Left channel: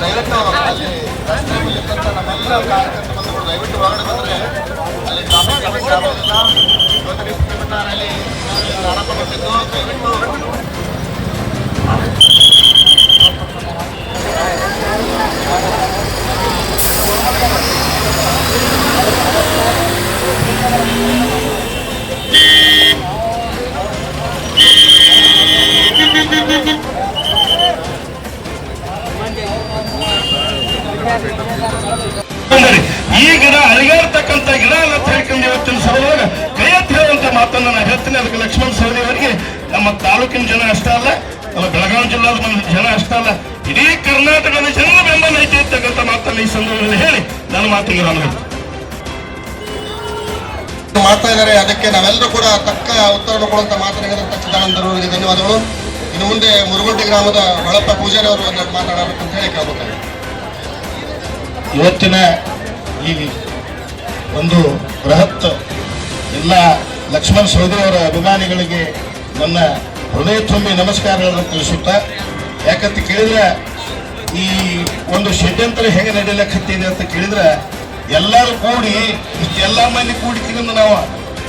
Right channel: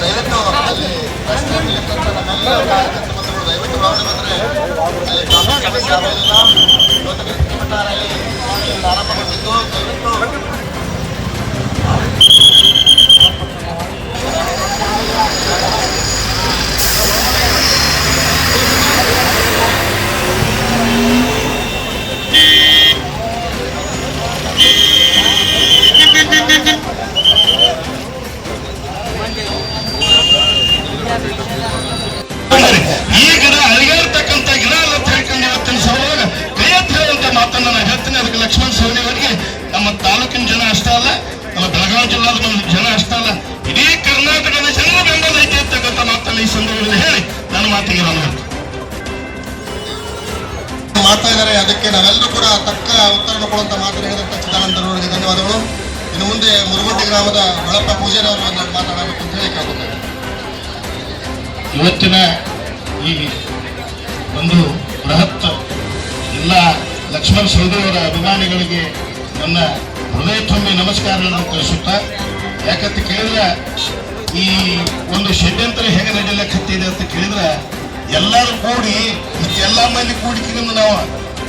ದಯವಿಟ್ಟು ಅಲ್ಲಿ ರಸ್ತೆ ಮೇಲಿರ್ತಂಥ ನಮ್ಮೆಲ್ಲ ಕಾರ್ಯಕರ್ತ ಬಂಧುಗಳು ದಯವಿಟ್ಟು ಒಳಗಡೆ ಬಂದರೆ ಅಲ್ಲಿ ಟ್ರಾಫಿಕ್ ಸಮಸ್ಯೆ ಆಗೋದಿಲ್ಲ. ಇವತ್ತು ರ್ಯಾಲಿ ಆರಂಭಗೊಂಡಿದ್ದು ದಯವಿಟ್ಟು ಈ ಗಿಡ ಅಳಿಗಾಡ್ತಕ್ಕಂಥ ಗಿಡ ಅಂತ ಹೇಳ್ಕೊಂಡು ಇವತ್ತಿನ ಸಭೆಯೊಳಗ ಕೈ ಎತ್ತಿ ಹೇಳುವಂತ ಮಾತನ್ನು ನಾನು ಹೇಳ್ತೀನಿ. ಅದಕ್ಕೆ ಲಕ್ಷ್ಮಣ ಸವದಿ ಅವರಿಗೆ ನಮ್ಮ ತಾಲೂಕಿನ ಜನ ಅಷ್ಟ ಅಲ್ಲ, ನಮ್ಮ ಬೆಳಗಾವಿ ಜಿಲ್ಲಾದ ಜನ ಅಷ್ಟ ಅಲ್ಲ, ಇಡೀ ಕರ್ನಾಟಕದ ಜನರ ಬೆಂಬಲ ಐತಿ ಇರ್ತಕ್ಕಂಥ ಮಾತನ್ನು ಈ ಸಂದರ್ಭದಲ್ಲಿ ಹೇಳಿ ನನ್ನ ಮಾತಿಗೆ ನಾನು ಮಾಡ್ತಾ ಇದ್ದಾರೆ. ಅದಕ್ಕೆ ನಾವೆಲ್ಲರೂ ಕೂಡ ತಕ್ಕ ಉತ್ತರ ಕೊಡುವಂತ ಮಾತನಾಡಿದಂತ ಚಿದಾನಂದರು ಅವರಿಗೆ ಧನ್ಯವಾದಗಳು. ಇನ್ನು ಮುಂದೆ ಮುರುಗುಂಡಿ ಗ್ರಾಮದ ಹೊಳಪ್ಪ ಪೂಜಾರಿ ಅವರು ಒಂದೆರಡು ಮಾತಾಡಬೇಕು ಅಂತ ಹೇಳಿ ಕೇಳ್ಕೊತಾರೆ. ಇವತ್ತಿನ ಈ ಒಂದು ಬೃಹತ್ ಎಲ್ಲ ಲಕ್ಷ್ಮಣ ಸವದಿ ಅವರ ಅಭಿಮಾನಿಗಳಿಗೆ ನನ್ನ ಹೃದಯ ತುಂಬಿ ನಮಸ್ಕಾರಗಳನ್ನು ತಿಳಿಸುತ್ತಾ, ಯಾಕಂತ ಕೇಳಿದ್ರೆ ಈ ಒಂದು ಷಡ್ಯಂತ್ರ ಹೇಗೆ ನಡೆಯಲಿಕ್ಕೆ ಅಂತ ಕೇಳಿದ್ರೆ ಎಲ್ಲರೂ ಕೂಡಿ ಇಷ್ಟೆಲ್ಲ ಮಂದಿ ಕೂಡಿಕೊಂಡು ನಾವು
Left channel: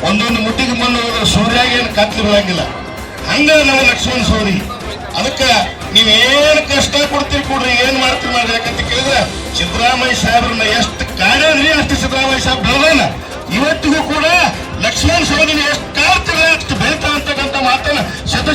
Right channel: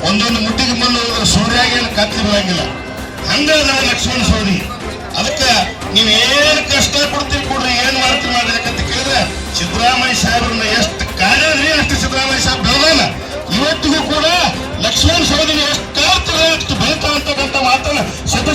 ಒಂದೊಂದು ಮುಟ್ಟಿಗೆ ಬಂದು ಸೂರ್ಯಾಗಿ ಏನು ಕತ್ಲಿ ಬೀಳಂಗಿಲ್ಲ. ಹಂಗ ನಾವು ಲಕ್ಷ್ಮಣ ಸವದಿ ಅದಕ್ಕೆ ನೀವೇನು ಕಷ್ಟ ಕೊಡ್ತೀರಿ ಕೊಡ್ರಿ, ಏನ್ ಮಾಡ್ತೀರಿ ಮಾಡ್ರಿ. ಯಾಕಂತ ಕೇಳಿದ್ರೆ ಸಿದ್ದರಾಮಯ್ಯ ಸಾಹೇಬ್ರನ್ನ ಎಷ್ಟು ಕಾಡಿದ್ರಿ ಅಷ್ಟು ಸಿದ್ದರಾಮಯ್ಯ ಸಾಹೇಬ್ ಬೆಳೆದಾನ. ಇವತ್ತಿಗೂ ಕೂಡ ಲಕ್ಷ್ಮಣ ಸವದಿನ ಎಷ್ಟು ಕಾಡ್ತಾರೆ ಅಷ್ಟು ಬೆಳೀತಾ ಅಂತಕ್ಕಂಥ ಮಾತನ್ನ ಶತ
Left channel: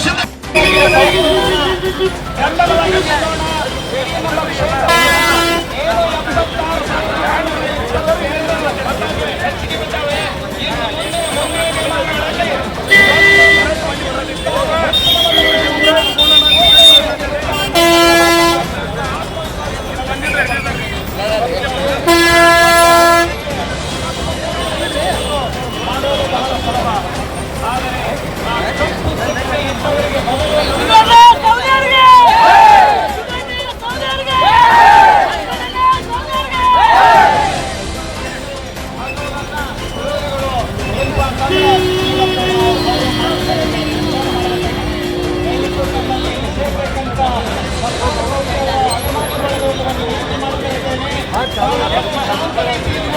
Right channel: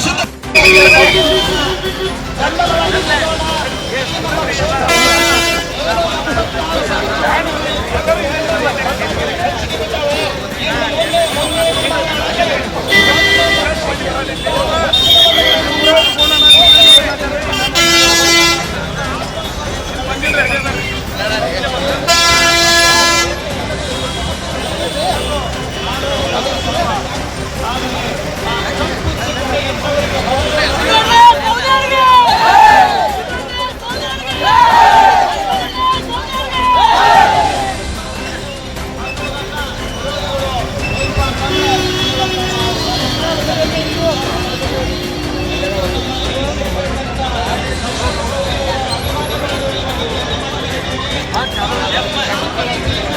हाँ,